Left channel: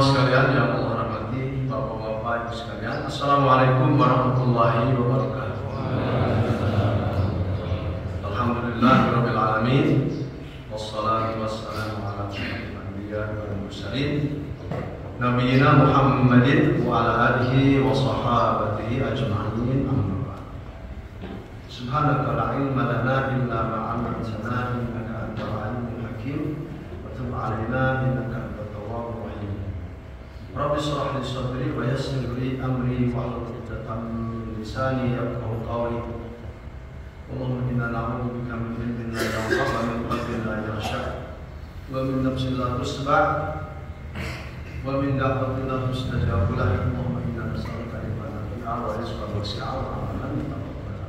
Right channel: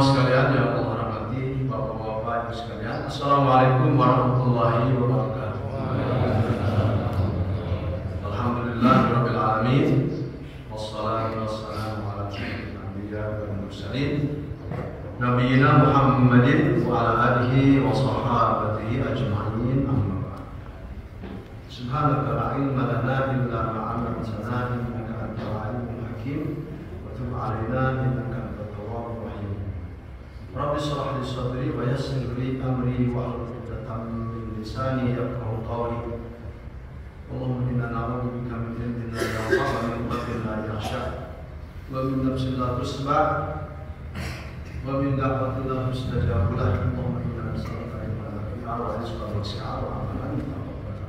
Jemaah sekalian yang Allah rahmati, bapak-bapak ibu sekalian, Assalamualaikum warahmatullahi wabarakatuh. Alhamdulillahirabbil alamin, wassalatu wassalamu ala asyrofil anbiya wal mursalin, nabiyina Muhammadin wa ala alihi wa sahbihi ajma'in. Amma ba'd. Subhanaka la ilma lana illa ma 'allamtana innaka antal alimul hakim wa tub 'alaina innaka Rabbi shrah li sadri wa yassir li amri wahlul 'uqdatam min lisani yafqahu qawli. Allahumma inna na'udzu bika min ilmin la yanfa' wa min qalbin la yakhsha wa min nafsin la tusba' wa min da'watin la tustajabu lah. Allahumma inna nas'aluka ilman nafi'an wa rizqan wasi'an wa 'amalan mutaqabbala.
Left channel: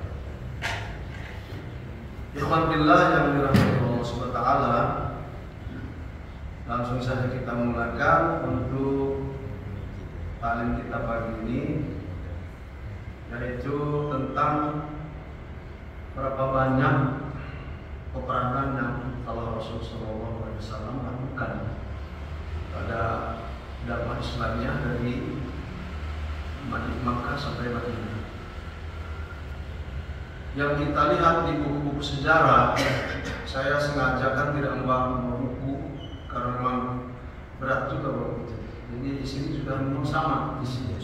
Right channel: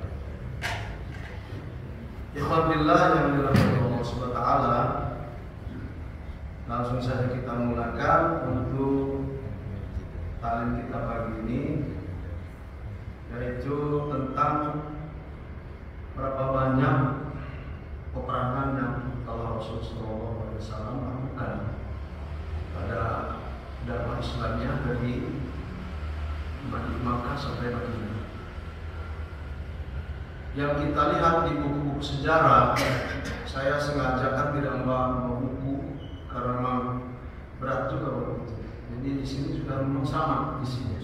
Ikhwan billah yang dirahmati Allah Subhanahu wa taala, langsung saja kita mulakan untuk taklim kita pagi ini, yaitu tentang berapa banyak peperangan yang telah Rasulullah SAW lakukan pada dakwah Islamnya dari Makkah sampai Madinah. Yang kita lihat di buku-buku sejarah, saya sengaja kan tidak membawa buku karena memang berat juga begitu. Jadi di sini sudah sama di sini.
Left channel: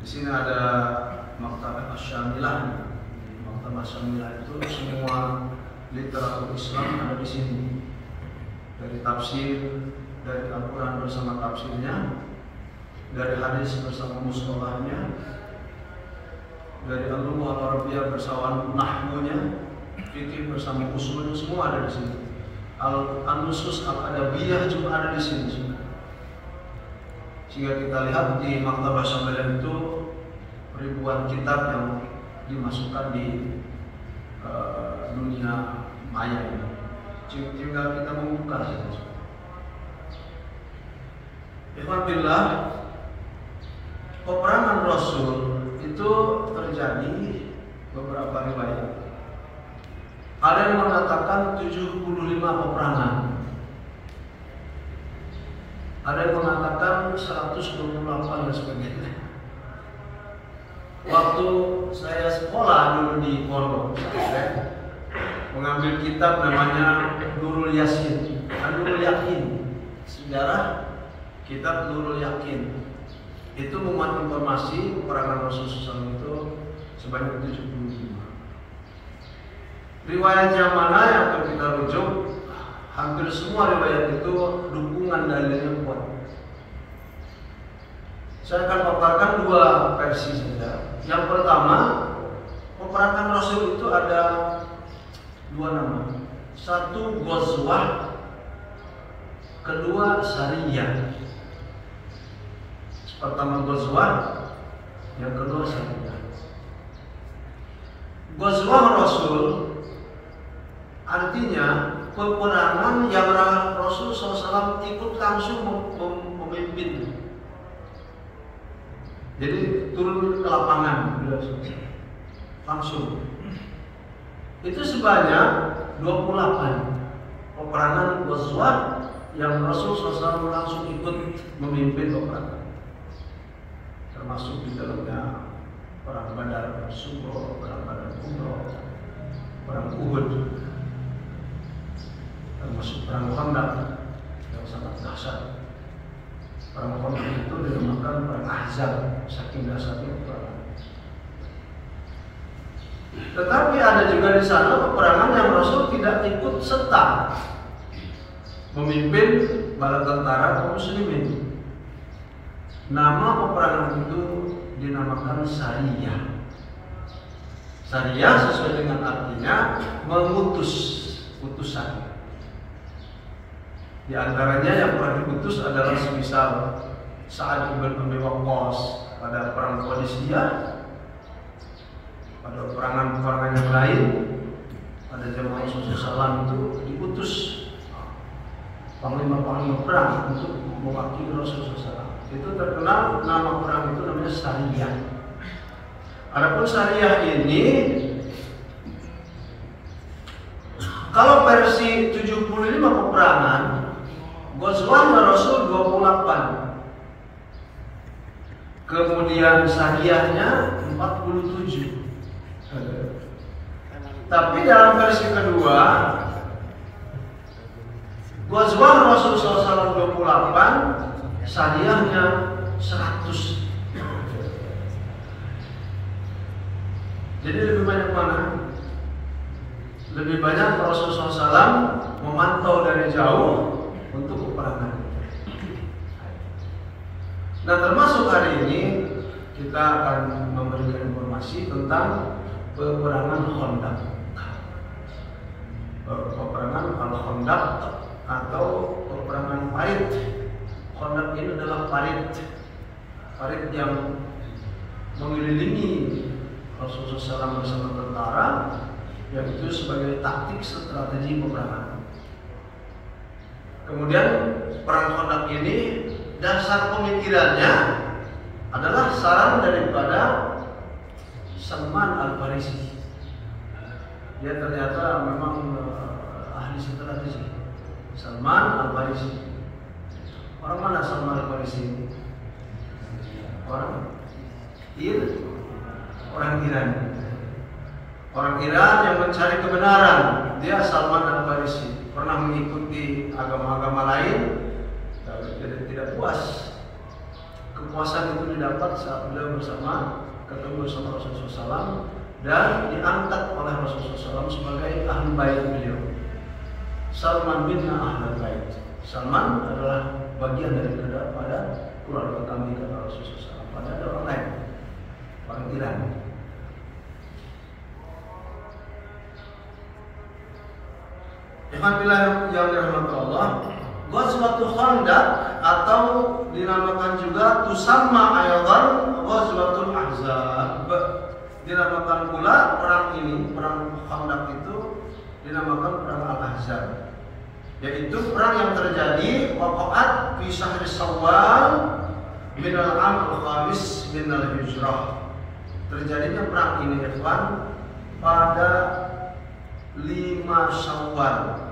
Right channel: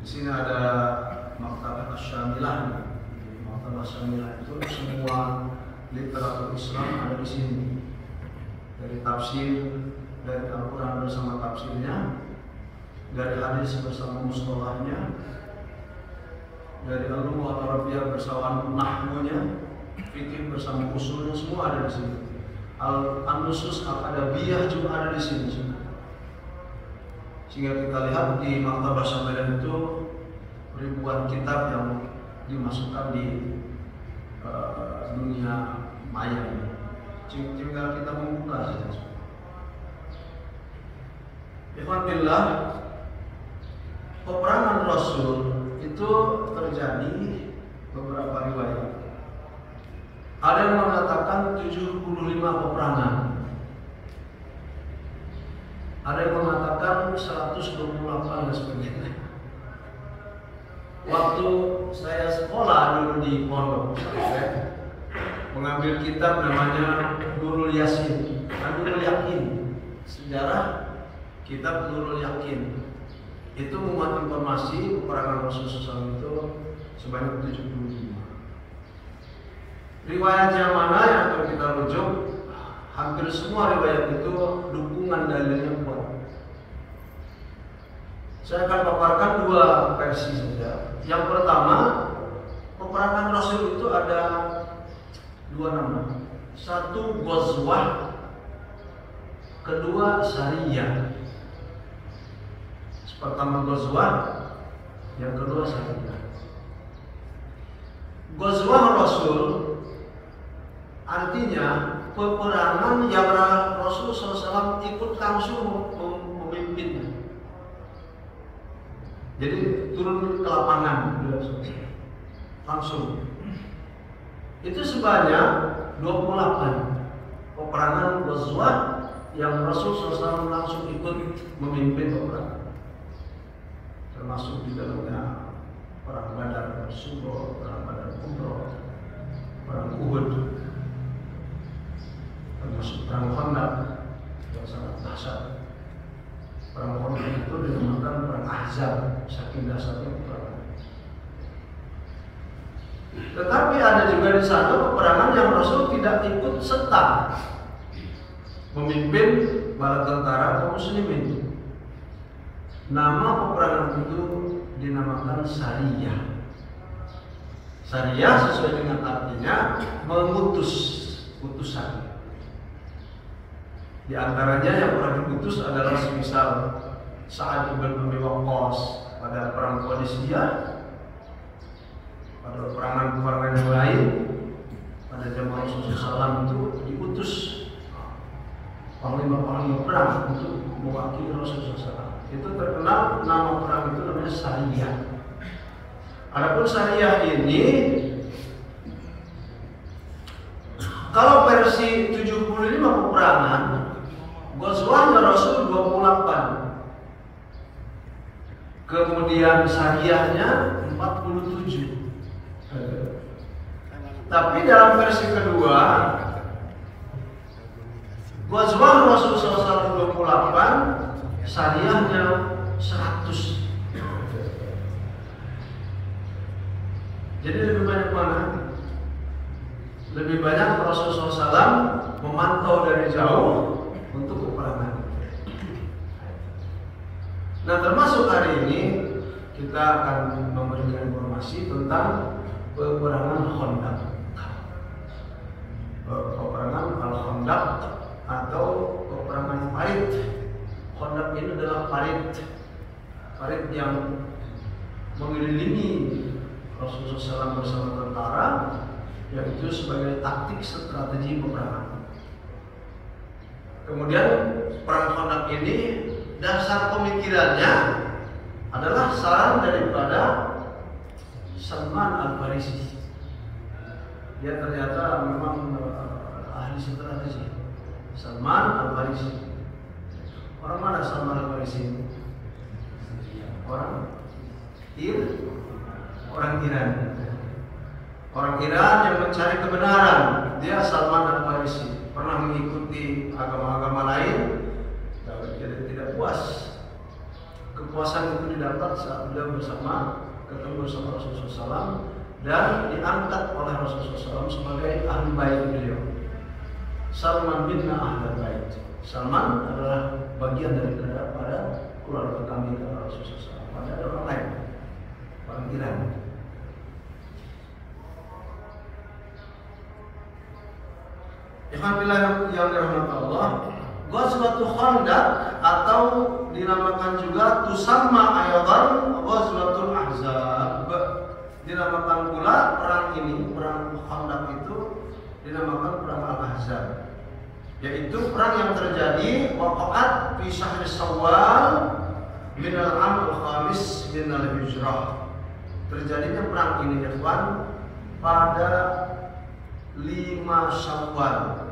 Di sini ada Maktabah Asy-Syamilah. Maktabah Asy-Syamilah itu semua literatur Islam ada di sini. Dari tafsir, dari Al-Quran bersama tafsirnya, dari hadis bersama mustalahnya, dari Al-Lughah Al-Arabiyyah bersama nahwunya, fikih bersama usulnya, semua ada di sini. Al-Nusus Al-Adabiyah juga ada di sini juga. Sehingga kita lihat di Maktabah Asy-Syamilah itu ribuan kitab yang dimasukkan di dunia maya ini. Tinggal kita membuka saja. Alhamdulillah, peperangan Rasul itu terjadi beberapa riwayat. Ada yang mengatakan 75 peperangan. Ada yang mengatakan 128 dan sebagainya. Waktu saya sekolah dulu di pondok, saya mengambil kitab namanya Nurul Yasin, Nurul Yakin, sejarah kitab Nurul Yakin. Itu memuat informasi peperangan Rasulullah SAW itu sebanyak 75. Riwayat yang mana yang akan kita rujuk, hampir semua riwayat itu dukungan dalilnya kuat. Saya akan paparkan dua versi saja. Yang pertama, peperangan Rasul itu ada dua nama. Satu Ghazwah, kedua Sariyah. Pertama Ghazwah, yang kedua Sariyah. Ghazwah Rasul artinya peperangan yang Rasulullah SAW ikut langsung memimpin. Jadi turun ke lapangan langsung. Itu sebanyak 28 peperangan Ghazwah yang Rasulullah SAW langsung ikut memimpin peperangan. Termasuk di dalamnya perang Badar, perang Sugo, perang Badar Kubro, perang Uhud, termasuk perang Khandaq yang sangat dahsyat. Perang Khandaq itu dinamakan perang Ahzab, saking dahsyatnya perang. Tetapi ada juga di sana peperangan yang Rasul tidak ikut serta memimpin bala tentara kaum muslimin. Nama peperangan itu dinamakan Sariyah. Sariyah sesuai dengan artinya mengutus, utusan. Di antaranya yang pernah diutus adalah semisal Sa'ad bin Abi Waqqas pada perang Qadisiyah, pada peperangan yang lain, pada zaman Rasulullah SAW itu diutus panglima-panglima perang untuk mewakili Rasulullah SAW. Itu terkenal nama perang itu namanya Sariyah. Adapun Sariyah ini, kalau versi 75 peperangan, Ghazwah Rasul 28 kemudian syariahnya 47. Tapi dalam versi kedua, Ghazwah Rasulullah SAW 28, syariahnya 100. Jadi lebih banyak mana? Lebih banyak Rasulullah SAW memantau dari jauh untuk peperangan. Nah, termasuk hari ini kita akan memberikan informasi tentang peperangan Khandaq. Peperangan Al-Khandaq atau peperangan parit. Khandaq ini adalah parit yang mengelilingi Rasulullah SAW bersama tentara, yaitu sebagai taktik strategi peperangan. Kemudian perang Khandaq ini dasar pemikirannya adalah saran daripada Salman Al-Farisi. Dia ternyata memang ahli strategi. Salman Al-Farisi. Orang mana Salman Al-Farisi? Orang Iran. Orang Iran yang mencari kebenaran. Dia Salman Al-Farisi. Pernah mengikuti agama-agama lain, dan tidak puas. Kepuasan itu didapat saat beliau ketemu bersama Rasulullah SAW dan diangkat oleh Rasulullah SAW sebagai ahli bait beliau. Salman bin Ahlul Bait. Salman adalah bagian daripada keluarga kami kata Rasulullah SAW. Ada orang lain, orang Iran. Alhamdulillah yang dirahmati Allah. Ghazwatul Khandaq atau dinamakan juga tusamma aydan Ghazwatul Ahzab. Dinamakan pula perang ini, perang Khandaq itu dinamakan perang Al-Ahzab. Yaitu perang yang terjadi waqa'at fi syahri Syawal min al-am al-khamis min al-hijrah. Terjadinya perang ini ikhwan pada 5 Syawal.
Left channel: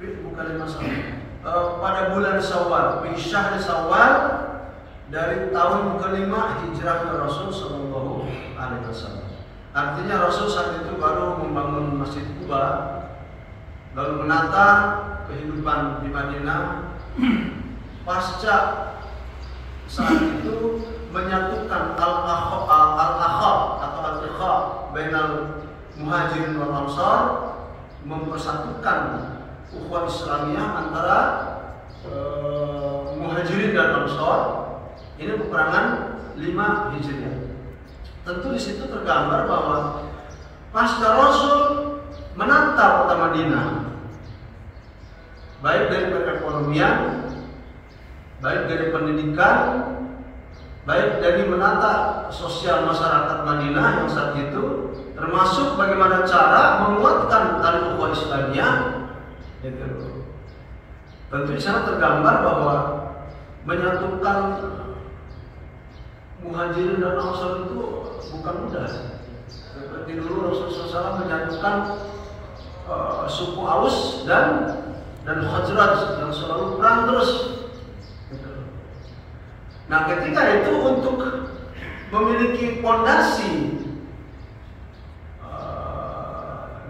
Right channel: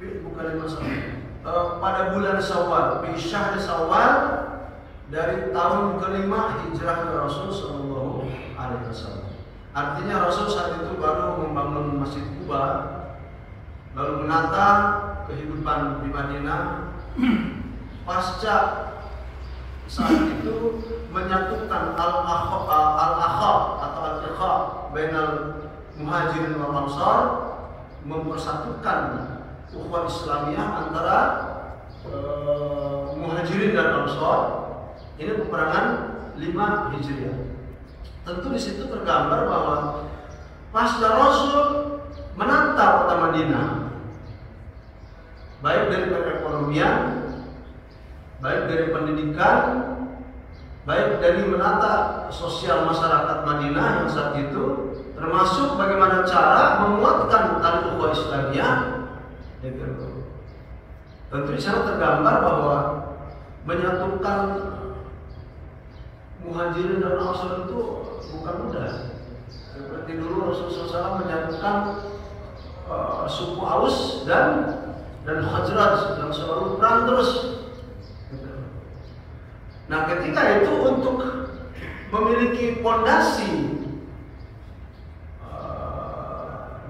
Bukan 5 Syawal. Pada bulan Syawal, fi syahri Syawal dari tahun kelima hijrahnya Rasul sallallahu alaihi wasallam. Artinya Rasul saat itu baru membangun Masjid Quba, lalu menata kehidupan di Madinah. Pasca saat itu menyatukan al-akhab atau al-ikha bainal muhajirin wal ansar, mempersatukan ukhuwah Islamiyah antara muhajirin dan ansar. Ini peperangan 5 Hijriah. Tentu di situ tergambar bahwa pasca Rasul menata kota Madinah, baik dari perekonomian, baik dari pendidikan, baik dari menata sosial masyarakat Madinah yang saat itu, termasuk bagaimana cara menguatkan tali ukhuwah Islamiyah. Tentu di sana tergambar bahwa menyatukan muhajirin dan ansar itu bukan mudah. Seperti dulu Rasulullah SAW menyatukan suku Aus dan Khazraj yang selalu perang terus. Nah, ketika itu untuk memiliki fondasi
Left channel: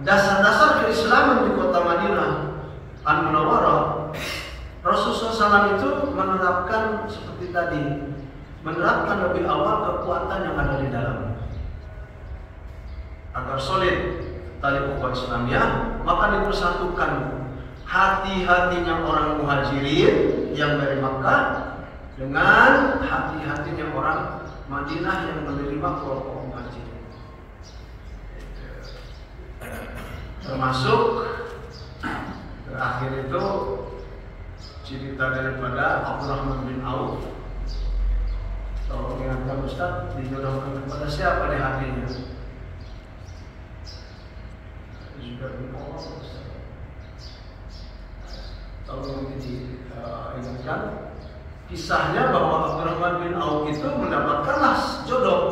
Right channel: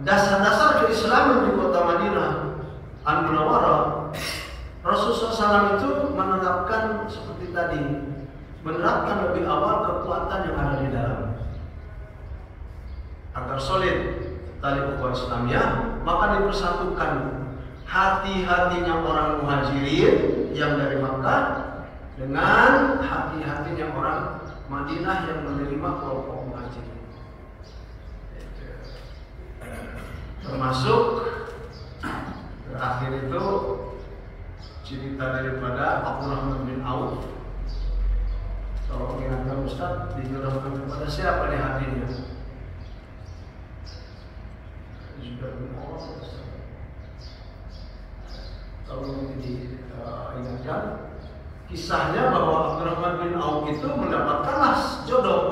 dasar-dasar keislaman di kota Madinah Al-Munawwarah, Rasulullah SAW itu menerapkan seperti tadi, menerapkan lebih awal kekuatan yang ada di dalam agar solid tali ukhuwah Islamiyah. Maka dipersatukan hati-hatinya orang muhajirin yang dari Makkah dengan hati-hatinya orang Madinah yang menerima kelompok muhajirin. Termasuk terakhir itu cerita daripada Abdurrahman bin Auf. Kalau mengingatkan Ustaz, dijodohkan kepada siapa di hatinya? Zubair bin Awam. Kalau diingatkan kisahnya bahwa Abdurrahman bin Auf itu mendapatkanlah jodoh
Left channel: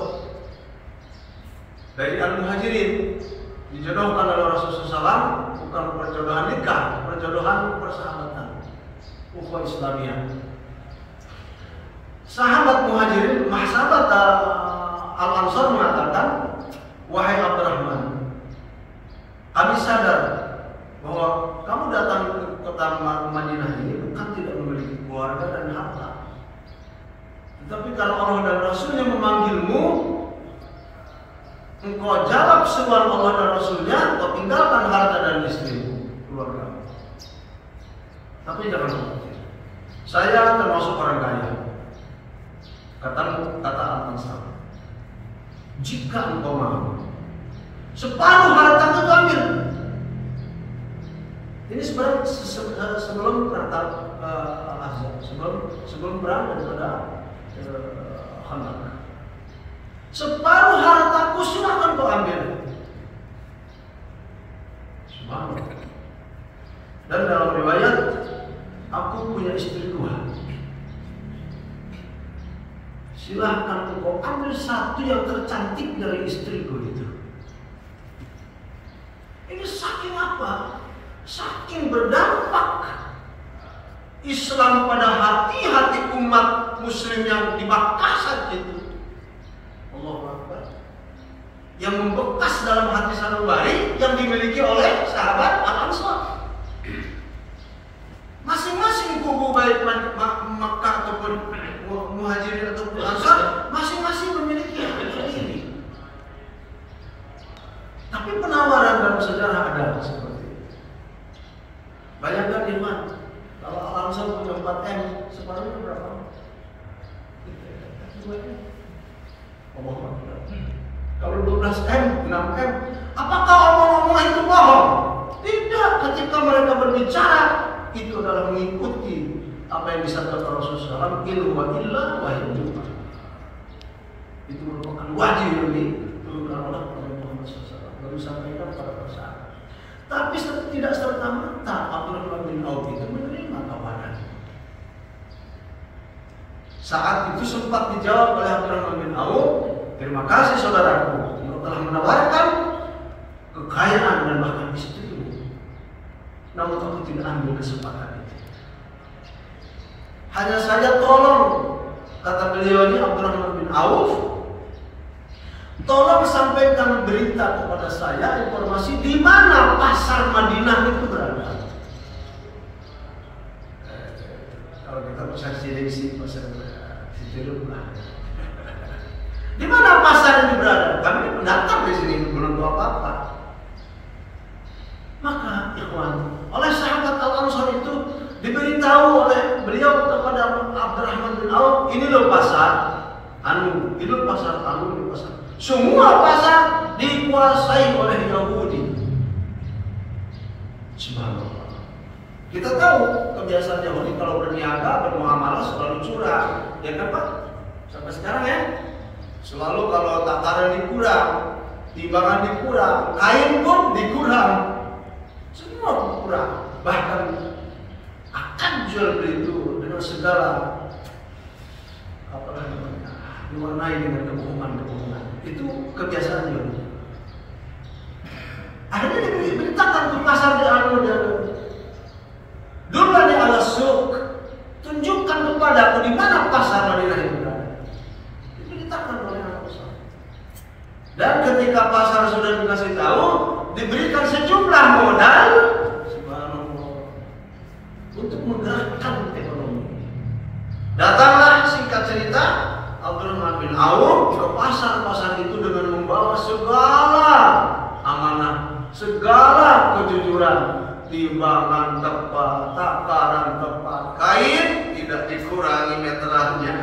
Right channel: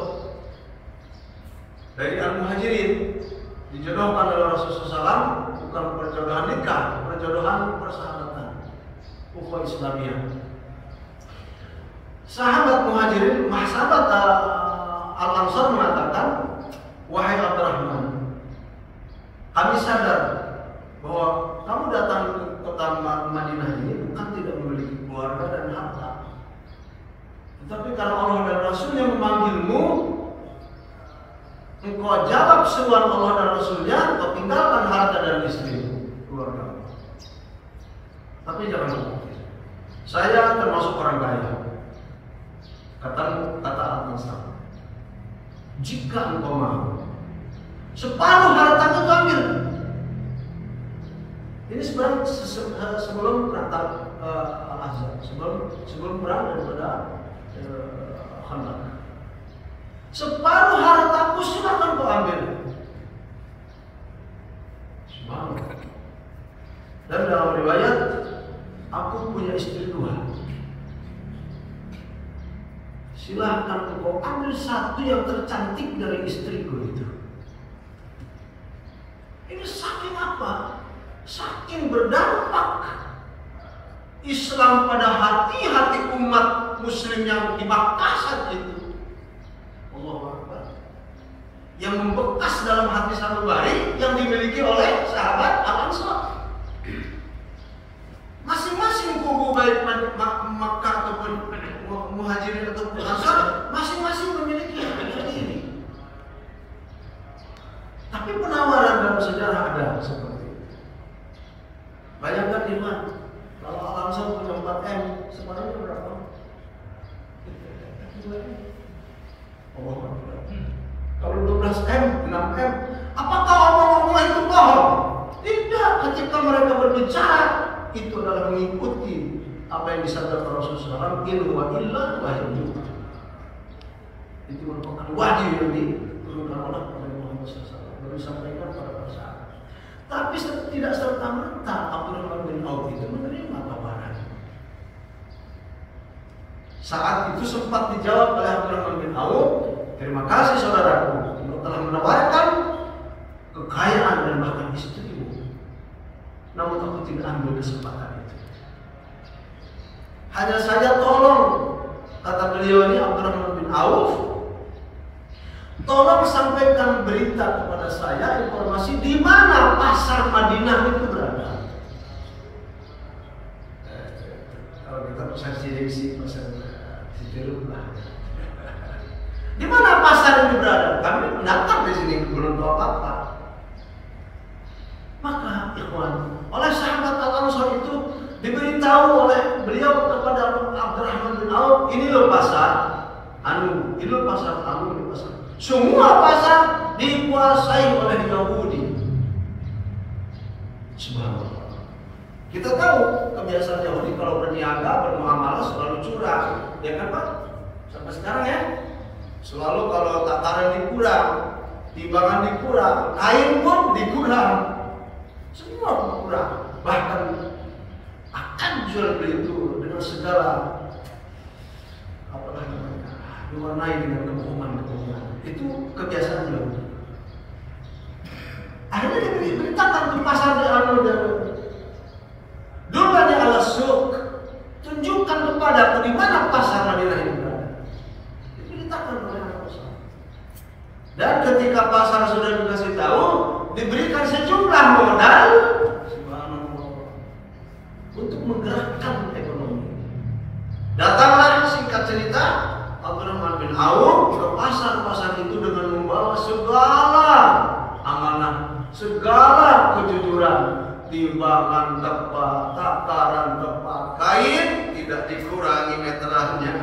dari Al-Muhajirin, dijodohkan oleh Rasulullah SAW, bukan perjodohan nikah, perjodohan persahabatan ukhuwah Islamiyah. Sahabat Muhajirin, sahabat Al-Ansar mengatakan, wahai Abdurrahman, kami sadar bahwa kamu datang ke tanah Madinah ini bukan tidak memiliki keluarga dan harta. Tetapi kalau Allah dan Rasulnya memanggilmu, engkau jawab seruan Allah dan Rasulnya, engkau tinggalkan harta dan istri, keluarga. Tapi jangan lupa, saya termasuk orang kaya. Kata Al-Ansar, jika engkau mau, separuh hartamu itu ambil. Ini sebenarnya sebelum Natal Al-Azhar, sebelum perang daripada Khandaq. Separuh hartaku silakan kau ambil. Subhanallah. Dan dalam riwayat, aku punya istri 2. Silahkan engkau ambil satu yang tercantik dari istriku itu. Ini saking apa? Saking berdampak Islam pada hati-hati umat muslim yang di Makkah saat itu. Allahu Akbar. Yang membekas dalam hati sanubari yang dimiliki oleh sahabat Al-Ansar. Masing-masing kubu baik Makkah ataupun Muhajirin atau Ansar masing-masing memiliki hal ini. Tapi penawaran dalam sejarah ada seperti itu. Bayangkan Iman, kalau Al-Ansar punya 4M, separuhnya berapa? 2M. Kalau 12M, 6M, apakah omong-omong itu bohong? Tidak, ketika mereka berbicara itu adalah mengikuti apa yang disabdakan Rasulullah SAW, ilmu wa illa wahyu. Itu merupakan wahyu yang diturunkan oleh Muhammad SAW lalu disampaikan kepada masyarakat. Tapi tidak serta-merta Abdurrahman bin Auf itu menerima tawaran. Saat itu sempat dijawab oleh Abdurrahman bin Auf, terima kasih saudaraku yang telah menawarkan kekayaan dan bahkan istrimu. Namun aku tidak ambil kesempatan. Hanya saja tolong, kata beliau ini Abdurrahman bin Auf, tolong sampaikan berita kepada saya, informasi di mana pasar Madinah itu berada. Kalau kita pasar Cilengsi, pasar Cilengsi, di mana pasar ini berada? Kami pendatang di sini belum tahu apa-apa. Maka ikhwan, oleh sahabat Al-Ansar itu diberitahu oleh beliau kepada Abdurrahman bin Auf, ini loh pasar ini loh pasar ini pasar. Semua pasar dikuasai oleh Yahudi. Subhanallah. Kita tahu kebiasaan Yahudi kalau berniaga, bermuamalah selalu curang, ya kan Pak? Sampai sekarang ya, selalu kalau takaran dikurang, timbangan dikurang, kain pun dikurang, semua kurang. Bahkan akan jual beli itu dengan segala apa namanya, diwarnai dengan kebohongan. Itu kebiasaan Yahudi. Akhirnya diberitakan di pasar di Al-Madinah. Dullani ala suq, tunjukkan kepadaku di mana pasar Madinah itu berada. Diberitakan oleh Rasul. Dan ketika pasar sudah dikasih tahu, diberikan sejumlah modal untuk menggerakkan ekonomi. Datanglah singkat cerita Abdurrahman bin Auf ke pasar-pasar itu dengan membawa segala amanah, segala kejujuran, timbangan tepat, takaran tepat, kain tidak dikurangi meterannya.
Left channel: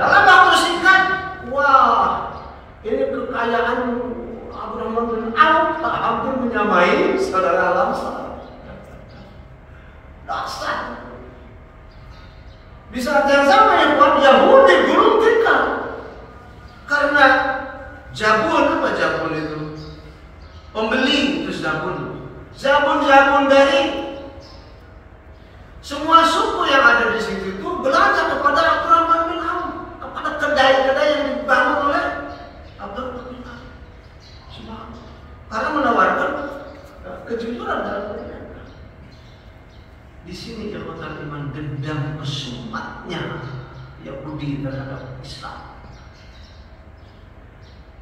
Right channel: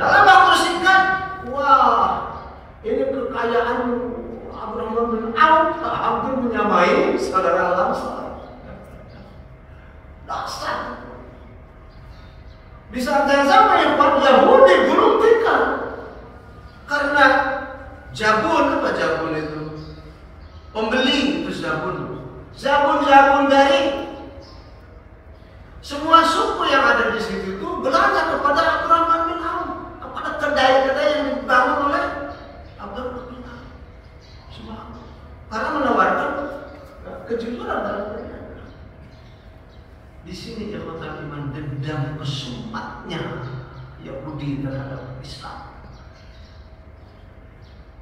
Dalam waktu singkat, wah, ini kekayaan Abdurrahman bin Auf hampir menyamai saudara Al-Ansar. Dasar. Di saat yang sama yang Yahudi belum tinggal karena jabun, apa jabun itu? Pembeli itu jabun dari semua suku yang ada di situ itu belanja kepada Abdurrahman bin Auf, kepada kedai-kedai yang dibangun oleh Abdurrahman bin Auf. Karena menawarkan kejujuran dalam dunia. Di sini ikhwatul iman, dendam kesumatnya Yahudi terhadap Islam.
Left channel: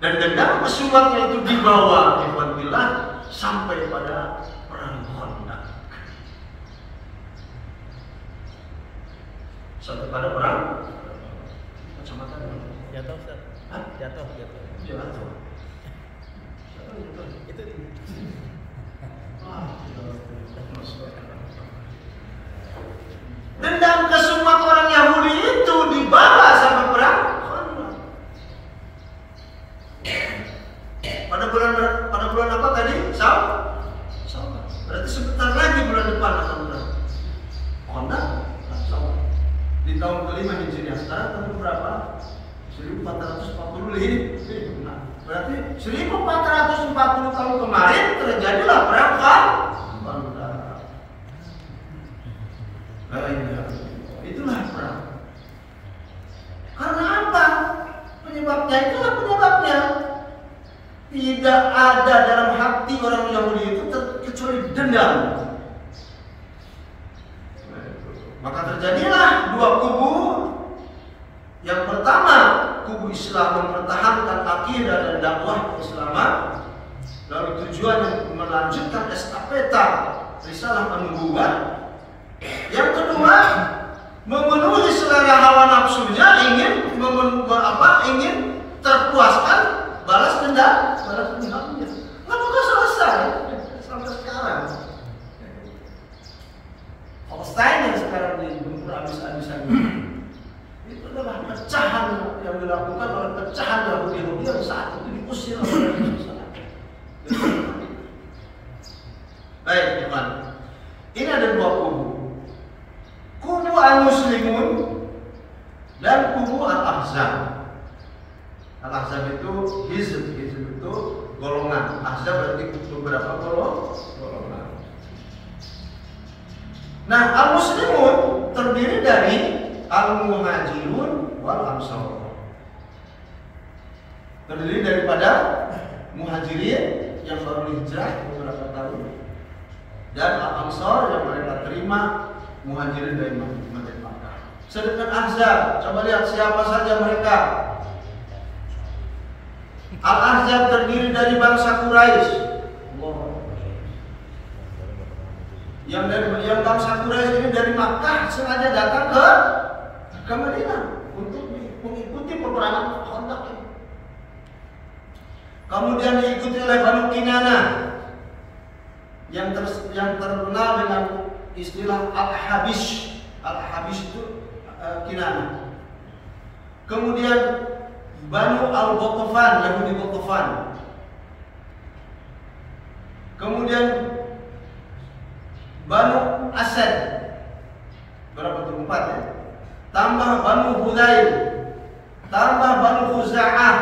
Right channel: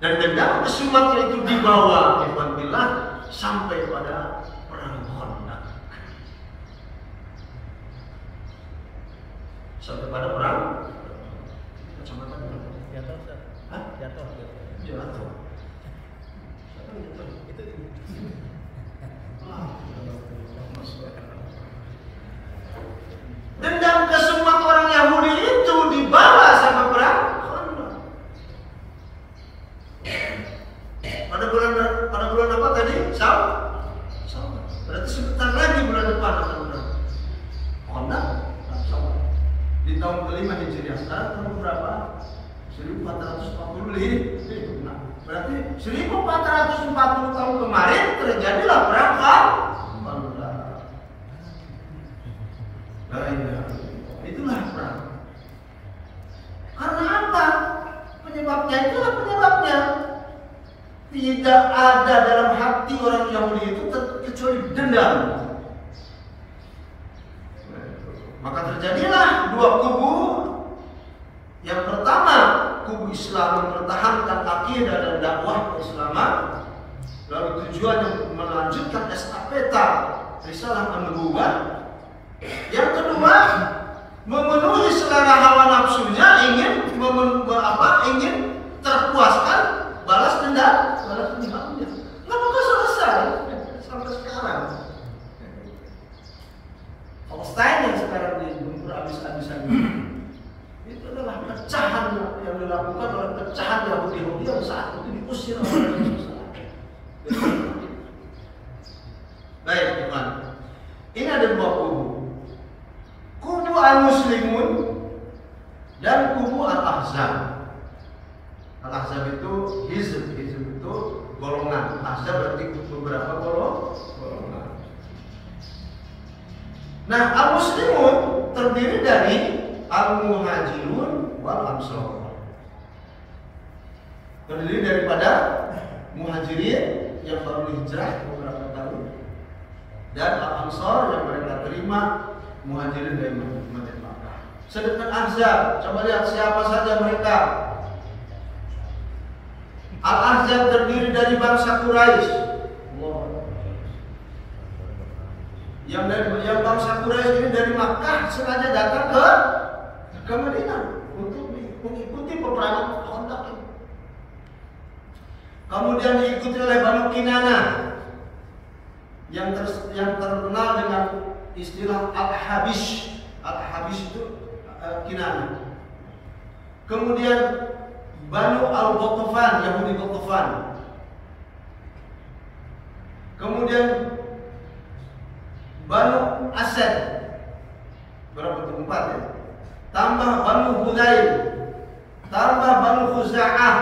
Dan dendam kesumatnya itu dibawa Ikhwanillah sampai pada perang Khandaq. Sampai pada perang kacamata jatuh, Ustaz. Hah? Jatuh. Jatuh. Siapa yang jatuh? Itu dendam kesumat orang Yahudi itu dibawa sama perang Khandaq. Pada bulan apa tadi? Syawal. Berarti sebentar lagi bulan depan akan perang Khandaq. Syawal. Di tahun kelima Hijriah. Sekarang tahun berapa? 1440 nah, berarti 1440 tahun kemarin terjadilah perang Khandaq. Itulah perang. Karena apa? Penyebabnya itulah penyebabnya. Tidak ada dalam hati orang Yahudi itu kecuali dendam. Maka terjadilah dua kubu. Yang pertama, kubu Islam mempertahankan akidah dan dakwah keislaman. Lalu tujuannya melanjutkan estafeta risalah an-nubuwah. Yang kedua, memenuhi selera hawa nafsunya, ingin terpuaskan balas dendam, nggak bakal selesai sampai sekarang. Palestina yang sekarang diburu habis-habisan itu adalah pecahan yang dilakukan oleh pecahan Yahudi yang saat itu diusir oleh Yerusalem. Baik, teman. Ini ada dua kubu. Kubu al-Muslimun dan kubu al-Ahzab. Al-Ahzab itu hizb itu golongan. Ahzab berarti beberapa golongan. Nah, al-Muslimun terdiri dari al-Muhajirun wal Ansar. Terdiri daripada Muhajirin yang baru hijrah beberapa tahun dan al-Ansar yang mereka terima Muhajirin dari Makkah. Sedangkan Ahzab, coba lihat siapa saja mereka. Al-Ahzab terdiri dari bangsa Quraisy. Yang bangsa Quraisy ini dari Makkah sengaja datang ke Madinah untuk mengikuti peperangan Khandaq ini. Kemudian diikuti oleh Banu Kinanah yang terkenal dengan istilah Al-Habish. Al-Habish itu Kinanah. Kemudian Banu Al-Ghatafan, Yahudi Ghatafan. Kemudian Banu Asad. Berapa itu? 4 ya? Tambah Banu Hudayl. Tambah Banu Khuza'ah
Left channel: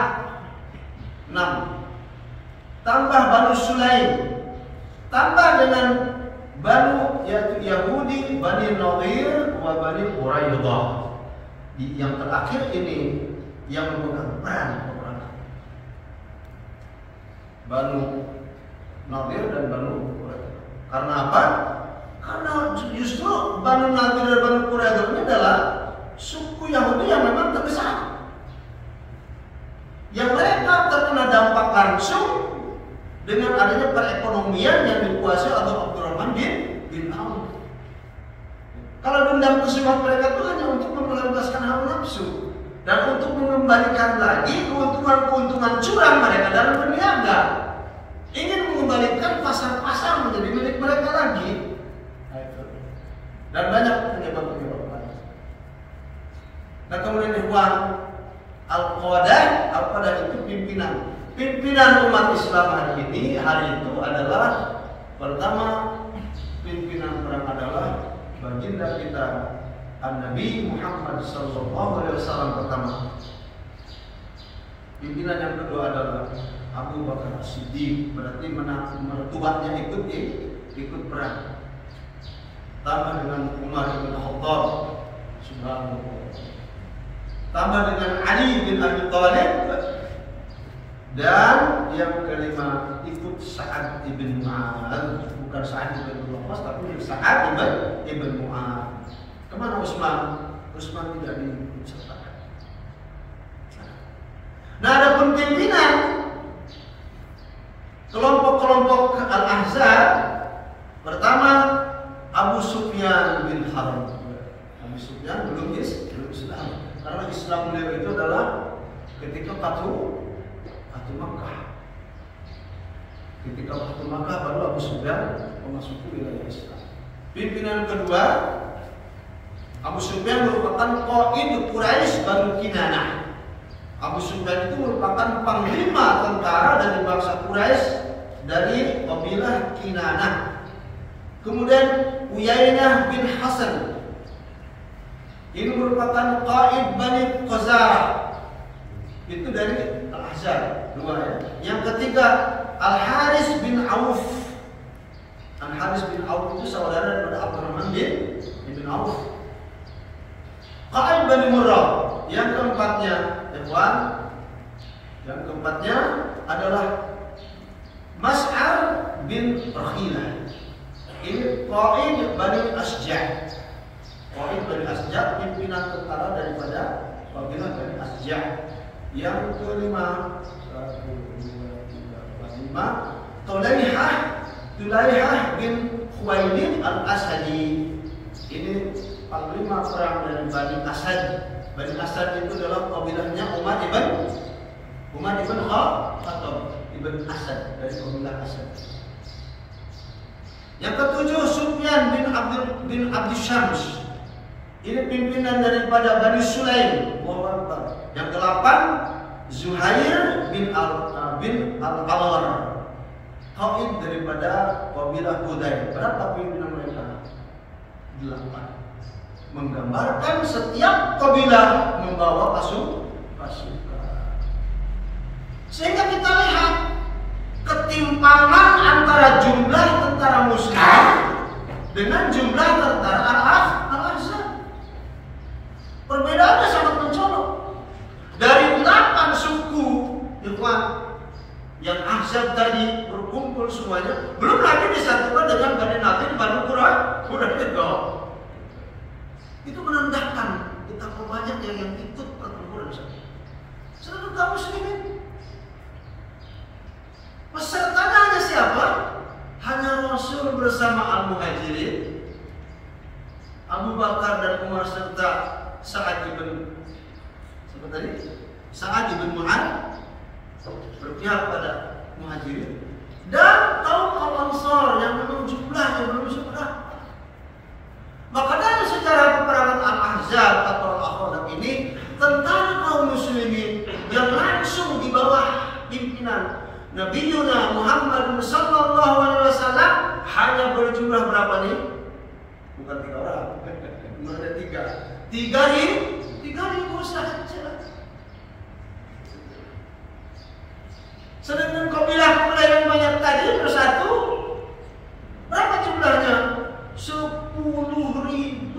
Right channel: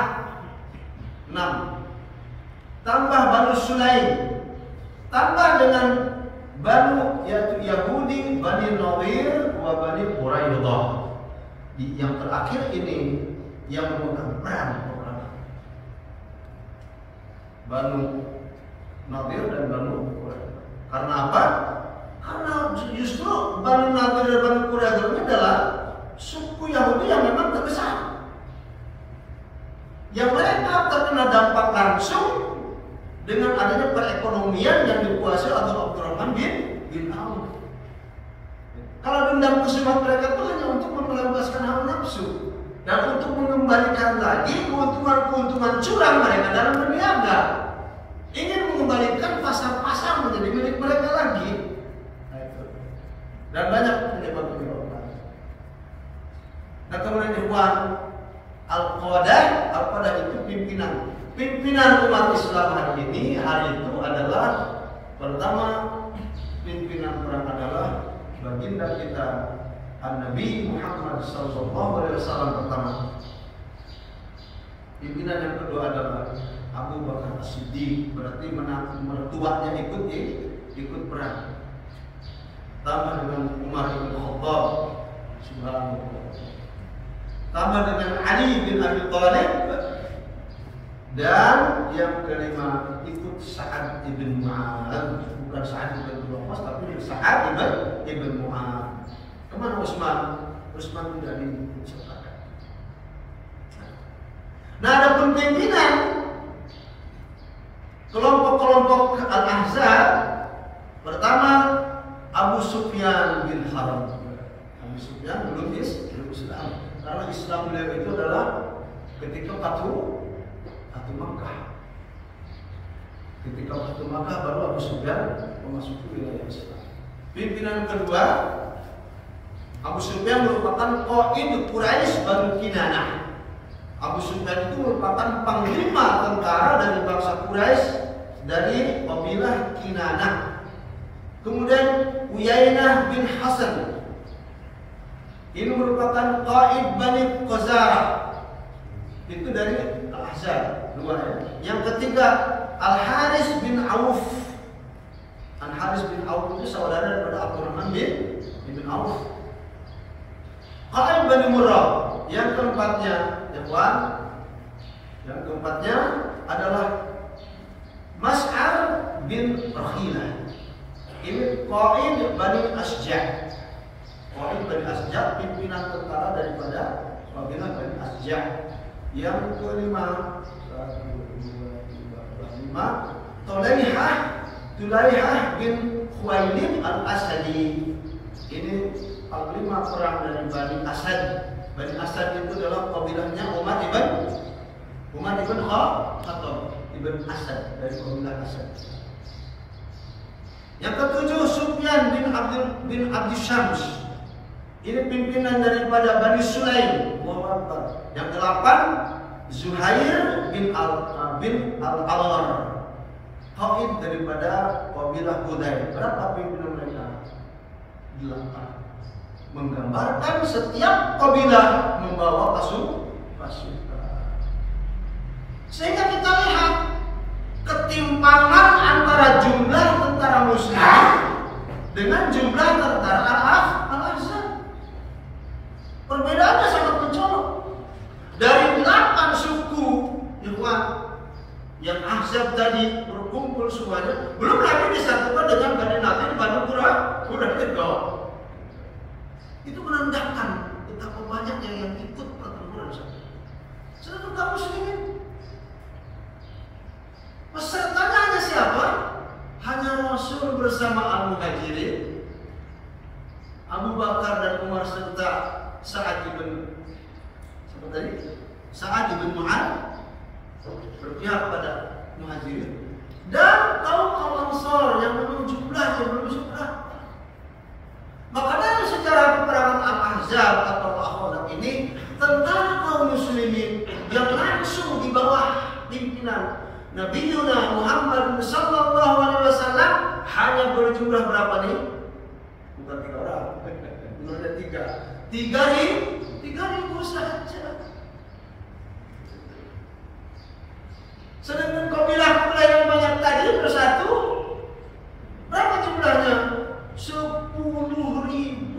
6. Tambah Banu Sulaim. Tambah dengan Banu yaitu Yahudi, Bani Nadir, wa Bani Quraidah. Yang terakhir ini yang memegang peran Banu Nadir dan Banu Quraidah. Karena apa? Karena justru Banu Nadir dan Banu Quraidah ini adalah suku Yahudi yang memang terbesar, yang mereka terkena dampak langsung dengan adanya perekonomian yang dikuasai oleh Abdurrahman bin Auf. Kalau dendam kesumat mereka itu hanya untuk memelampiaskan hawa nafsu dan untuk mengembalikan lagi keuntungan curang mereka dalam berniaga, ingin mengembalikan pasar-pasar menjadi milik mereka lagi. Dan banyak penyebab-penyebab lain. Nah, kemudian Ikhwan, Al-Qadah itu pimpinan umat Islam hari itu adalah pertama, pimpinan perang adalah baginda kita Nabi Muhammad SAW pertama. Pimpinan yang kedua adalah Abu Bakar As-Siddiq, berarti mertuanya ikut perang. Tambah dengan Umar bin Khattab, subhanallah. Tambah dengan Ali bin Abi Thalib, dan yang kelima ikut Sa'ad ibn Mu'adz, bukan Sa'ad ibn Waqqas tapi Sa'ad ibn Mu'adz. Kemana Utsman? Utsman tidak disertakan. Nah, adapun pimpinan kelompok-kelompok Al-Ahzab, pertama Abu Sufyan bin Harb. Abu Sufyan belum Islam, karena Islam beliau itu adalah ketika Fathu Makkah. Ketika Fathu Makkah baru Abu Sufyan memasuki wilayah Islam. Pimpinan kedua, Abu Sufyan merupakan Qaid Quraisy Banu Kinanah. Abu Sufyan itu merupakan panglima tentara dari bangsa Quraisy dari kabilah Kinanah. Kemudian Uyainah bin Hasan, ini merupakan Qaid Bani Khazarah, itu dari Al-Ahzab dua ya. Yang ketiga Al-Haris bin Auf. Al-Haris bin Auf itu saudara daripada Abdurrahman bin Auf. Qaid Bani Murrah. Yang keempatnya, yang keempatnya adalah Mas'ar bin Rakhilah. Ini Qaid Bani Asja'. Qaid Bani Asja', pimpinan tentara daripada kabilah Bani Asja'. Yang kelima, 5, Tulaihah bin Khuwailid Al-Asadi. Ini panglima perang dari Bani Asad. Bani Asad itu adalah kabilahnya Umar ibn Khattab ibn Asad, dari kabilah Asad. Yang ketujuh Sufyan bin Abdi Syams. Ini pimpinan daripada Bani Sulaim. Yang ke-8 Zuhair bin Al-Awar, Qaid daripada kabilah Qudai. Berapa pimpinan mereka? 8. Menggambarkan setiap kabilah membawa pasukan. Sehingga kita lihat ketimpangan antara jumlah tentara Muslim dengan jumlah tentara Al-Ahzab. Perbedaannya sangat mencolok. Dari 8 suku yang Ahzab tadi berkumpul semuanya, belum lagi disatukan dengan Bani Nadir, Bani Quraidah. Itu menandakan betapa banyaknya yang ikut pertempuran sana. Sedangkan kaum muslimin, pesertanya hanya siapa? Hanya Rasul bersama Al-Muhajirin, Abu Bakar dan Umar serta Sa'ad ibn Mu'ad berpihak pada Muhajirin, dan kaum Ansar yang memang jumlahnya belum seberapa. Maka dari sejarah peperangan Al-Ahzab atau Al-Ahzab ini, tentara kaum muslimin yang langsung di bawah pimpinan Nabiuna Muhammad sallallahu alaihi wasallam hanya berjumlah berapa nih? Bukan 3 orang, bukan ada 3.000 saja. Sedangkan kabilah yang banyak tadi bersatu, berapa jumlahnya? 10.000.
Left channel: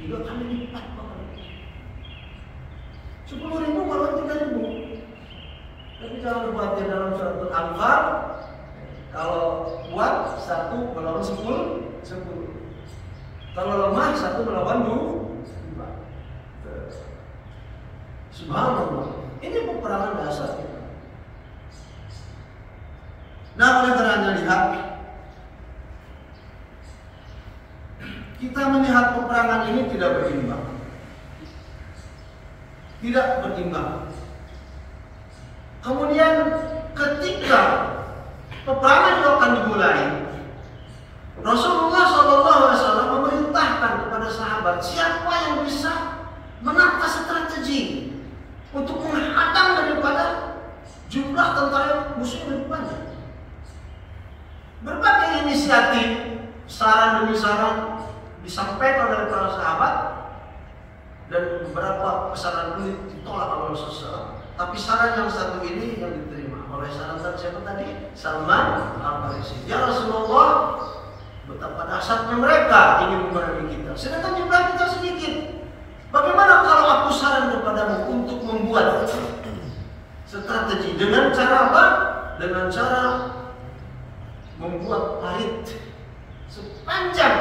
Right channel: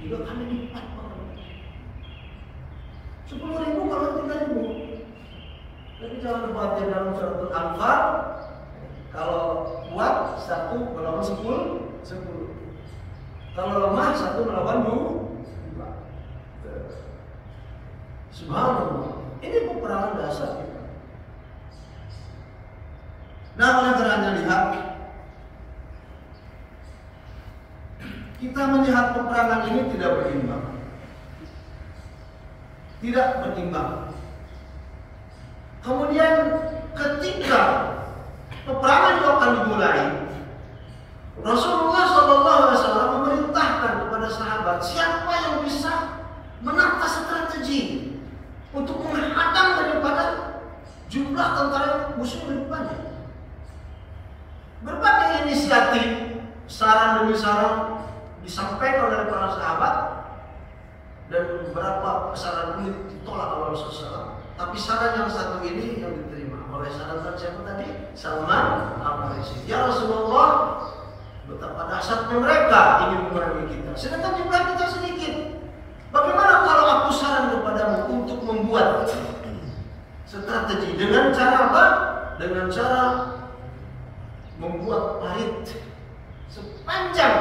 3 kali lipat. 10.000 kalau 3.000. Tapi jangan lupa dalam surat Al-Anfal, kalau kuat 1 melawan 10. Kalau lemah 1 melawan 2. Subhanallah. Ini peperangan dasar. Nah, oleh karenanya lihat, kita melihat peperangan ini tidak berimbang. Kemudian ketika peperangan itu akan dimulai, Rasulullah SAW memerintahkan kepada sahabat, siapa yang bisa menata strategi untuk menghadang daripada jumlah tentara musuh lebih banyak. Berbagai inisiatif, saran demi saran disampaikan oleh para sahabat, dan beberapa saran ini ditolak oleh Rasulullah. Tapi saran yang satu ini yang diterima oleh saran siapa tadi? Salman Al-Farisi. Ya Rasulullah, betapa dahsyatnya mereka ingin memerangi kita, sedangkan jumlah kita sedikit. Bagaimana kalau aku saran kepadamu untuk membuat strategi dengan cara apa? Dengan cara membuat parit sepanjang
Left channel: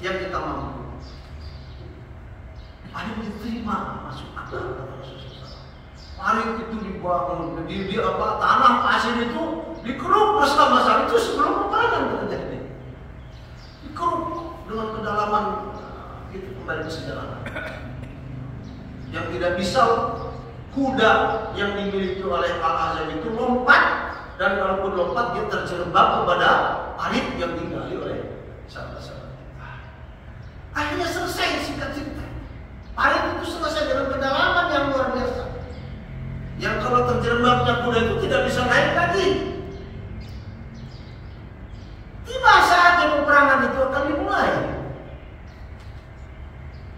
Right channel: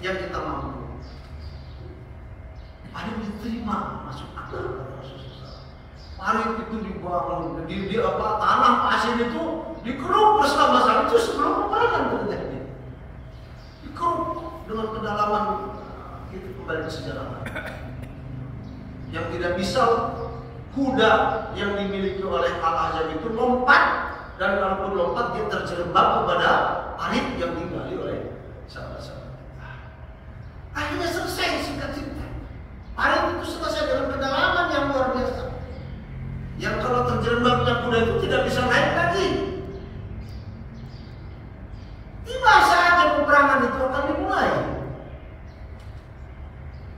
yang kita mampu. Parit diterima, masuk akal kata Rasulullah. parit itu dibangun, di tanah pasir itu dikeruk selama itu sebelum peperangan terjadi. Dikeruk dengan kedalaman itu kembali ke sejarah. Yang tidak bisa kuda yang dimiliki oleh Al-Azam itu lompat, dan kalaupun lompat dia terjerembab kepada parit yang digali oleh sahabat-sahabat. Akhirnya selesai singkat cerita. Parit itu selesai dengan kedalaman yang luar biasa. Yang kalau terjerembabnya kuda itu tidak bisa naik lagi. Tiba saatnya peperangan itu akan dimulai.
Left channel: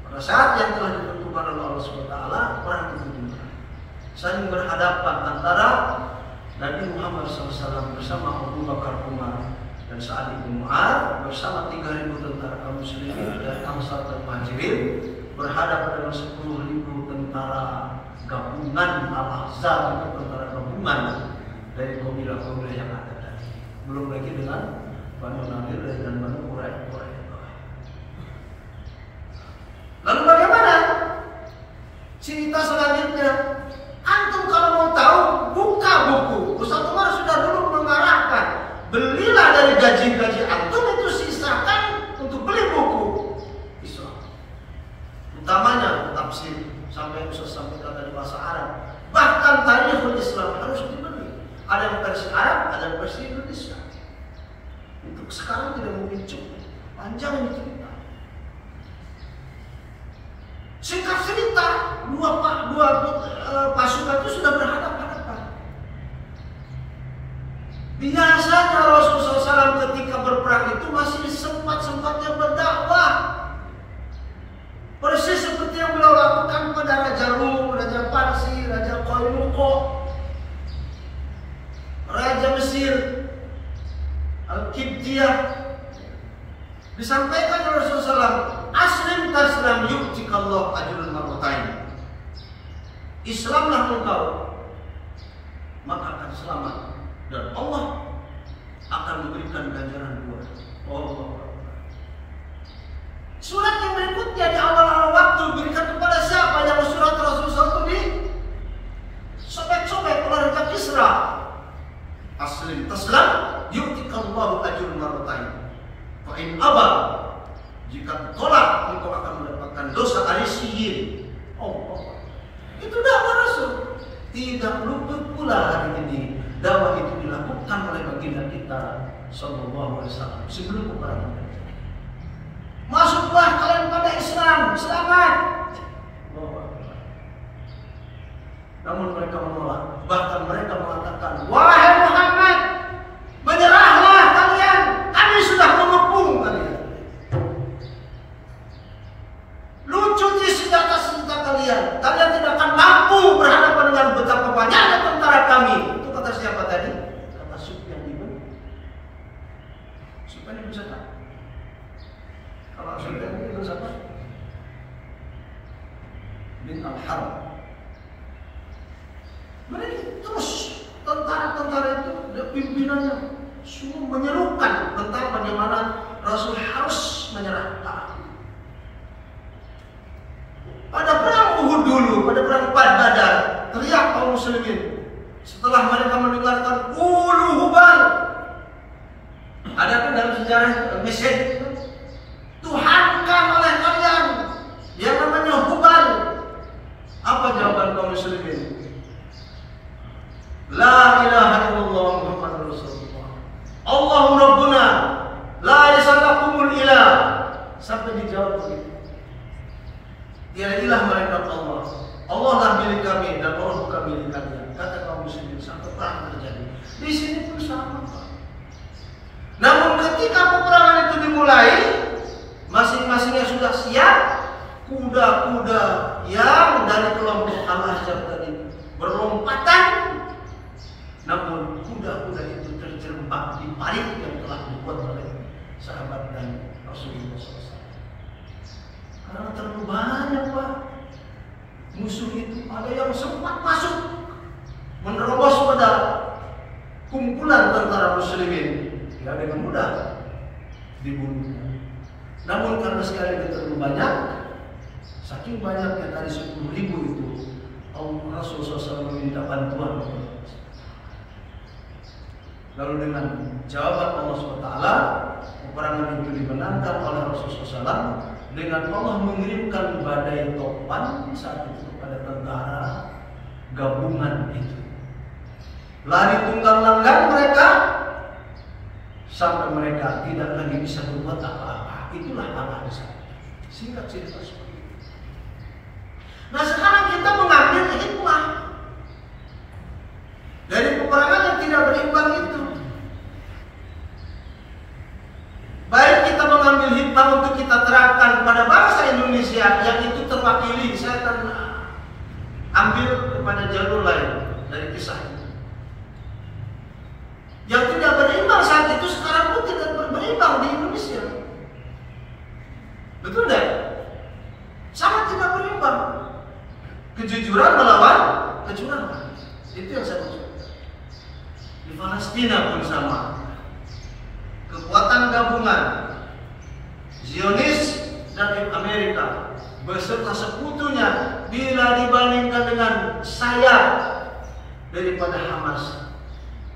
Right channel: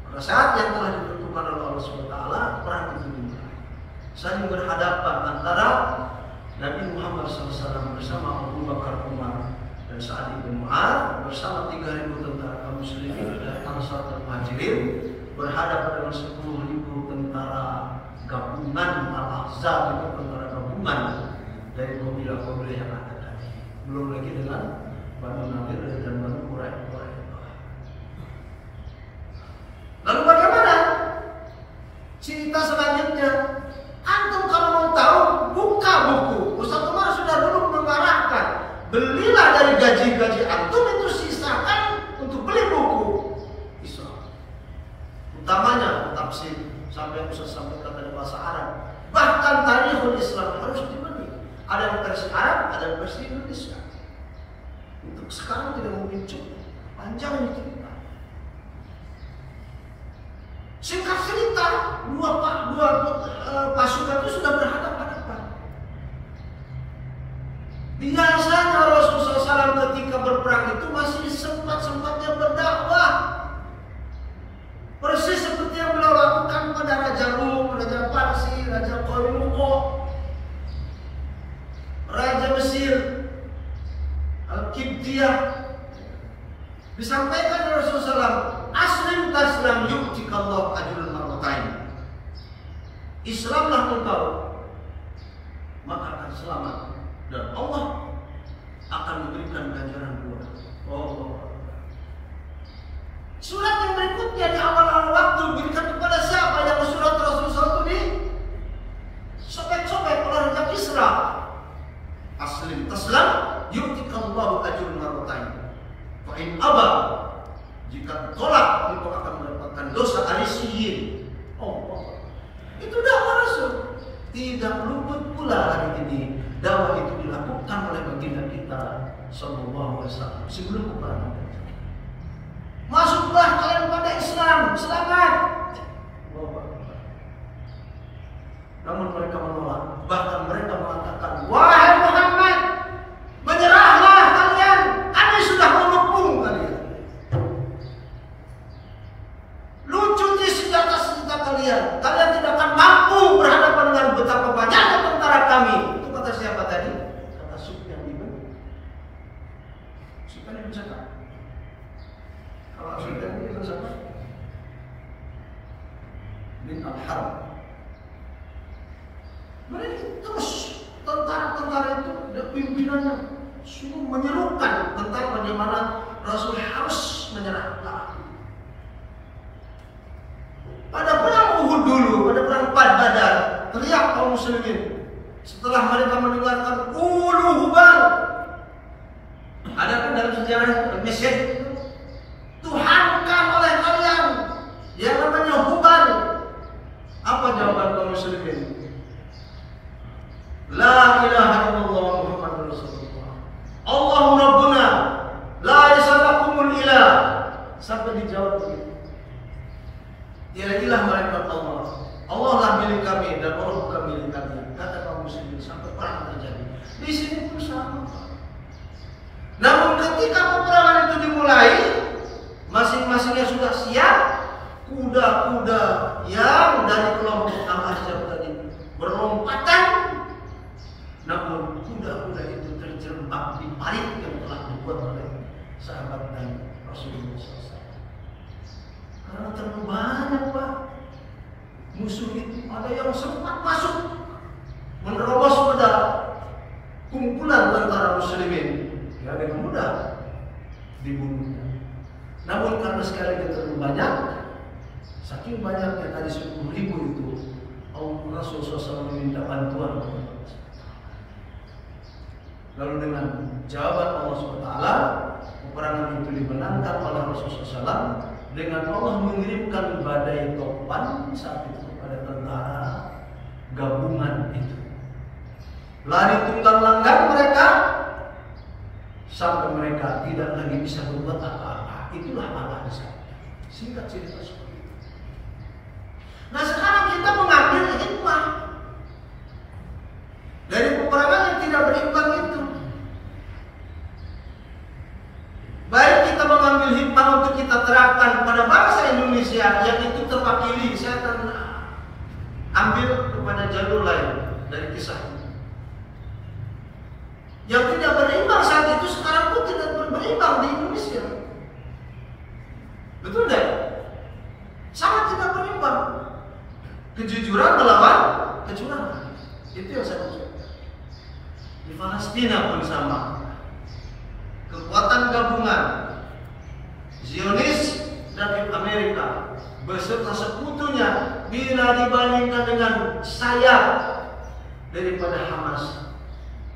Pada saat yang telah ditentukan oleh Allah SWT, perang itu dimulai. Saling berhadapan antara Nabi Muhammad SAW bersama Abu Bakar Umar dan Sa'ad bin Mu'adz bersama 3.000 tentara kaum muslimin dari Ansar dan Muhajirin berhadapan dengan 10.000 tentara gabungan Al-Ahzab, itu tentara gabungan dari kabilah-kabilah yang ada tadi. Belum lagi dengan Banu Nadir dan Banu Quraisyah. Lalu bagaimana cerita selanjutnya? Antum kalau mau tahu, buka buku. Ustaz Umar sudah dulu mengarahkan, belilah dari gaji-gaji antum itu, sisakan untuk beli buku Islam, utamanya tafsir sampai Ustaz sampaikan dari bahasa Arab. Bahkan Tarikhul Islam harus dibeli. Ada yang versi Arab, ada yang versi Indonesia. Untuk sekarang tidak mungkin cukup, panjang ini cerita. Singkat cerita, dua pasukan itu sudah berhadapan-hadapan. Biasanya Rasulullah SAW ketika berperang itu masih sempat-sempatnya berdakwah. Persis seperti yang beliau lakukan pada Raja Rum, Raja Parsi, Raja Qainuqa, Raja Mesir, Al-Qibtiyah. Disampaikan oleh Rasulullah SAW, aslim taslam yu'tikallahu ajrul marratain. Islamlah engkau, maka akan selamat, dan Allah akan memberikan ganjaran dua. Surat yang berikutnya di awal-awal waktu diberikan kepada siapa? Yang surat Rasulullah itu di sobek-sobek oleh Raja Kisra. Aslim taslam yu'tikallahu ajrul marratain. Fa in aba, jika tolak engkau akan mendapatkan dosa arisiyin. Itu dakwah Rasul. Tidak luput pula hari ini dakwah itu dilakukan oleh baginda kita sallallahu alaihi wasallam sebelum peperangan. Masuklah kalian pada Islam, selamat. Namun mereka menolak. Bahkan mereka mengatakan, wahai Muhammad, menyerahlah kalian. Kami sudah mengepung kalian. Lucuti senjata-senjata kalian. Kalian tidak akan mampu berhadapan dengan betapa banyaknya tentara kami. Itu kata siapa tadi? Kata Sufyan bin Sa'ad. Kalau Sufyan bin Sa'ad bin Al-Harb. Mereka terus tentara-tentara itu dan pimpinannya sungguh menyerukan tentang bagaimana Rasul harus menyerah. Pada perang Uhud dulu, pada perang Badar, teriak kaum muslimin setelah mereka mendengarkan ulu hubal. Ada kan dalam sejarah Mesir, Tuhankan oleh kalian yang namanya hubal. Apa jawaban kaum muslimin? La ilaha illallah Muhammadur Rasulullah. Allahu Rabbuna la yasalakumul ilah. Sampai dijawab begitu. Tiada-tiada mereka Allah. Allah lah milik kami dan Allah bukan milik kalian. Kata kaum muslimin sampai perang terjadi. Di sini pun sama. Namun ketika peperangan itu dimulai, masing-masingnya sudah siap. Kuda-kuda yang dari kelompok Al-Ahzab tadi berlompatan. Namun kuda-kuda itu terjerembab di parit yang telah dibuat oleh sahabat dan Rasulullah SAW. Karena terlalu banyak Pak musuh itu, ada yang sempat masuk menerobos pada kumpulan tentara muslimin, tidak dengan mudah dibunuh. Namun karena sekali terlalu banyak, saking banyaknya tadi 10.000 itu, Rasulullah SAW meminta bantuan. Lalu dengan jawaban Allah SWT, peperangan itu dimenangkan oleh Rasulullah SAW dengan Allah mengirimkan badai topan saat itu kepada tentara gabungan itu. Lari tunggang langgang mereka sampai mereka tidak lagi bisa berbuat apa-apa. Itulah alasan. Singkat cerita seperti itu. Nah sekarang kita mengambil hikmah dari peperangan yang tidak berimbang itu. Baik kita mengambil hikmah untuk kita terapkan pada bangsa Indonesia yang itu terwakili. Saya akan ambil kepada jalur lain dari kisah ini. Yang tidak berimbang saat itu sekarang pun tidak berimbang di Indonesia. Betul tidak? Sangat tidak berimbang. Kejujuran melawan kecurangan. Itu yang saya maksud. Di Palestina pun sama. Kekuatan gabungan Zionis dan Amerika beserta sekutunya bila dibandingkan dengan sayap daripada Hamas,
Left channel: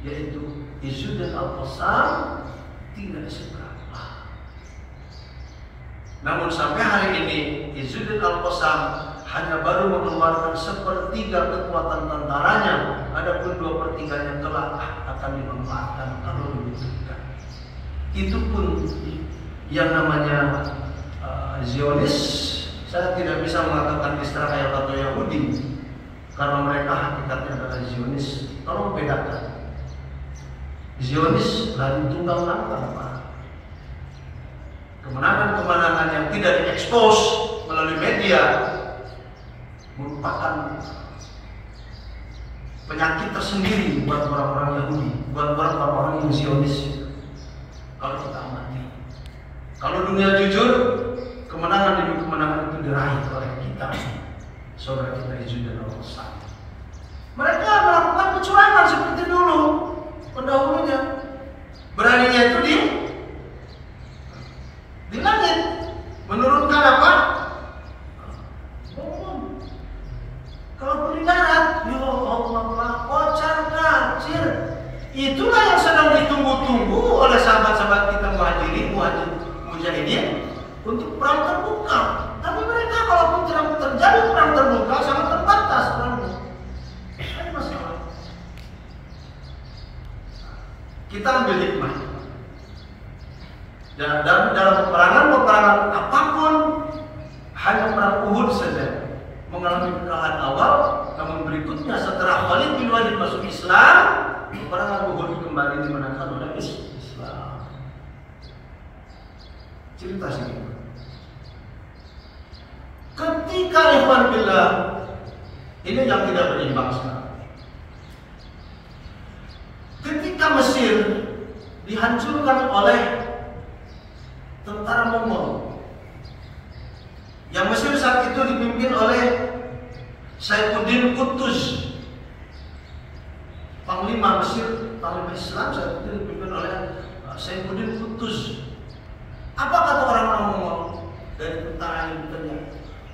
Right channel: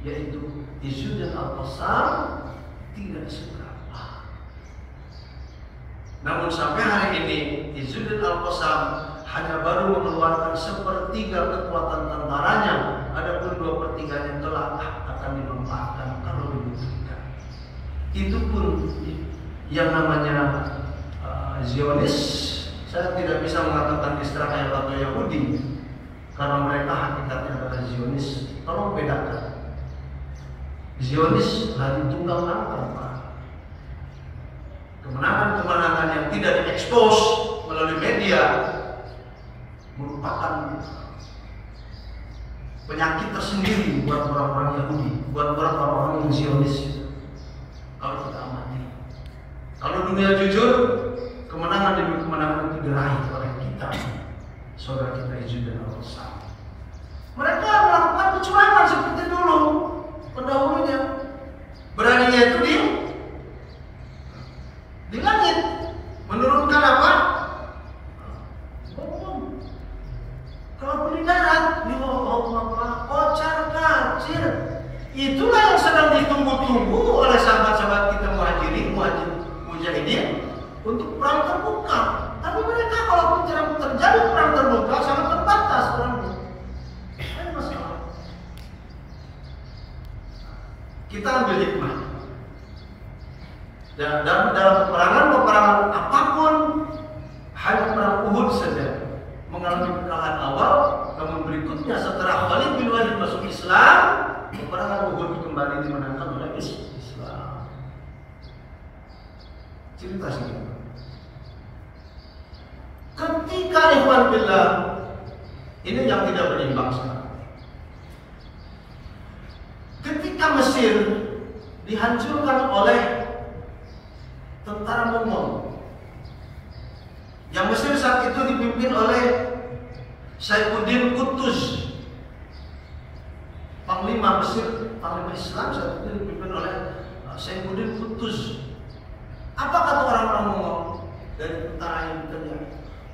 yaitu Izzuddin Al-Qassam, tidak seberapa. Namun sampai hari ini Izzuddin Al-Qassam hanya baru mengeluarkan 1/3 kekuatan tentaranya, adapun 2/3-nya telah akan dimanfaatkan kalau dibutuhkan. Itu pun yang namanya Zionis, saya tidak bisa mengatakan Israel atau Yahudi karena mereka hakikatnya adalah Zionis. Tolong bedakan. Zionis lari tunggang langgang. Kemenangan-kemenangan yang tidak diekspos melalui media merupakan penyakit tersendiri buat orang-orang Yahudi, buat orang-orang yang Zionis. Kalau kita amati, kalau dunia jujur, kemenangan demi kemenangan itu diraih oleh kita, saudara kita Izzuddin Al-Qassam. Mereka melakukan kecurangan seperti dulu pendahulunya. Beraninya itu di langit menurunkan apa? Bom. Kalau di darat, ya Allah, kocar kacir. Itulah yang sedang ditunggu-tunggu oleh sahabat-sahabat kita mujahidin untuk perang terbuka. Tapi mereka kalaupun tidak terjadi perang terbuka sangat terbatas perangnya. Ada masalah. Kita ambil hikmah. Dan dalam peperangan apapun, hanya perang Uhud saja mengalami kekalahan awal, namun berikutnya setelah Khalid bin Walid masuk Islam, peperangan Uhud kembali dimenangkan oleh Islam. Cerita sedikit. Ketika ikhwan billah, ini yang tidak berimbang sekarang. Ketika Mesir dihancurkan oleh tentara Mongol, yang Mesir saat itu dipimpin oleh Saifuddin Qutuz, Panglima Mesir, Panglima Islam saat itu dipimpin oleh Saifuddin Qutuz. Apa kata orang-orang Mongol dari tentara yang bertanya?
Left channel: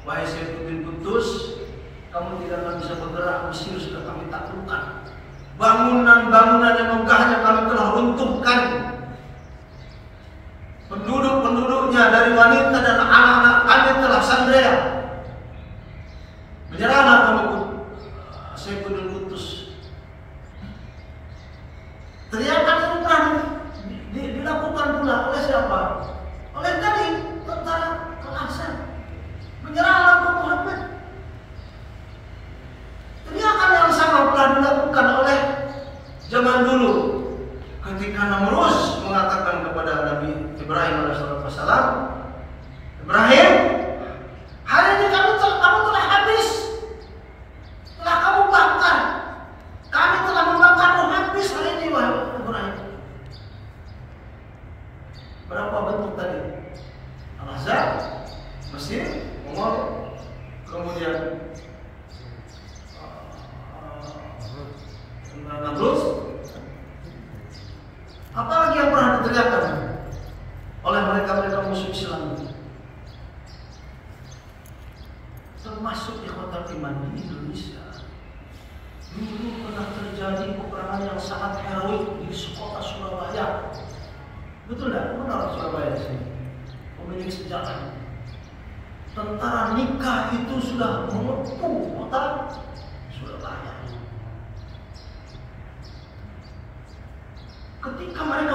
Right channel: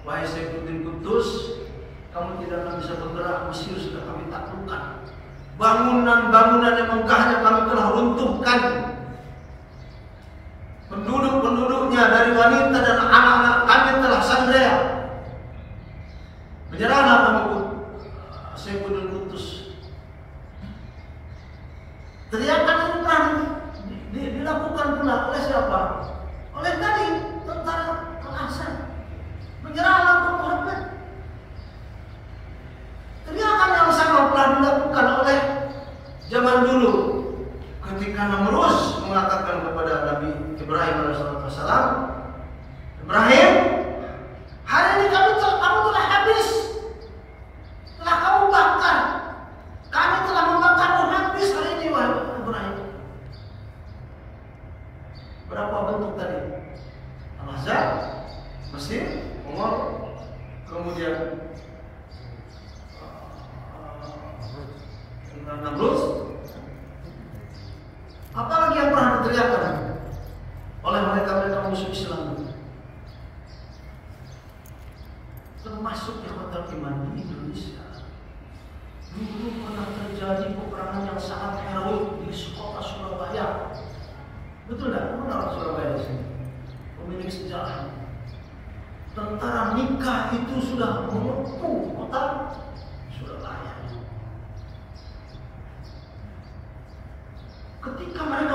Wahai Saifuddin Qutuz, kamu tidak akan bisa bergerak, Mesir sudah kami taklukkan. Bangunan-bangunan yang megahnya kami telah runtuhkan. Penduduk-penduduknya dari wanita dan anak-anak kami telah sandera. Menyerahlah kamu, Saifuddin Qutuz. Teriakan itu pernah dilakukan pula oleh siapa? Oleh tadi tentara Al-Aqsa. Menyerahlah Muhammad. Teriakan yang sama telah dilakukan oleh zaman dulu ketika Namrus mengatakan kepada Nabi Ibrahim alaihissalam, Ibrahim, hari ini kamu telah habis, telah kamu bakar, kami telah membakarmu habis hari ini, wahai Ibrahim. Berapa bentuk tadi? Al-Ahzab, Mesir, Umar, kemudian Namrus. Apalagi yang pernah diteriakkan oleh mereka musuh Islam, termasuk ikhwatul iman di Indonesia. Dulu pernah terjadi peperangan yang sangat heroik di kota Surabaya. Betul tidak? Mana Surabaya di sini? Memiliki sejarah. Tentara nikah itu sudah mengepung kota Surabaya. Ketika mereka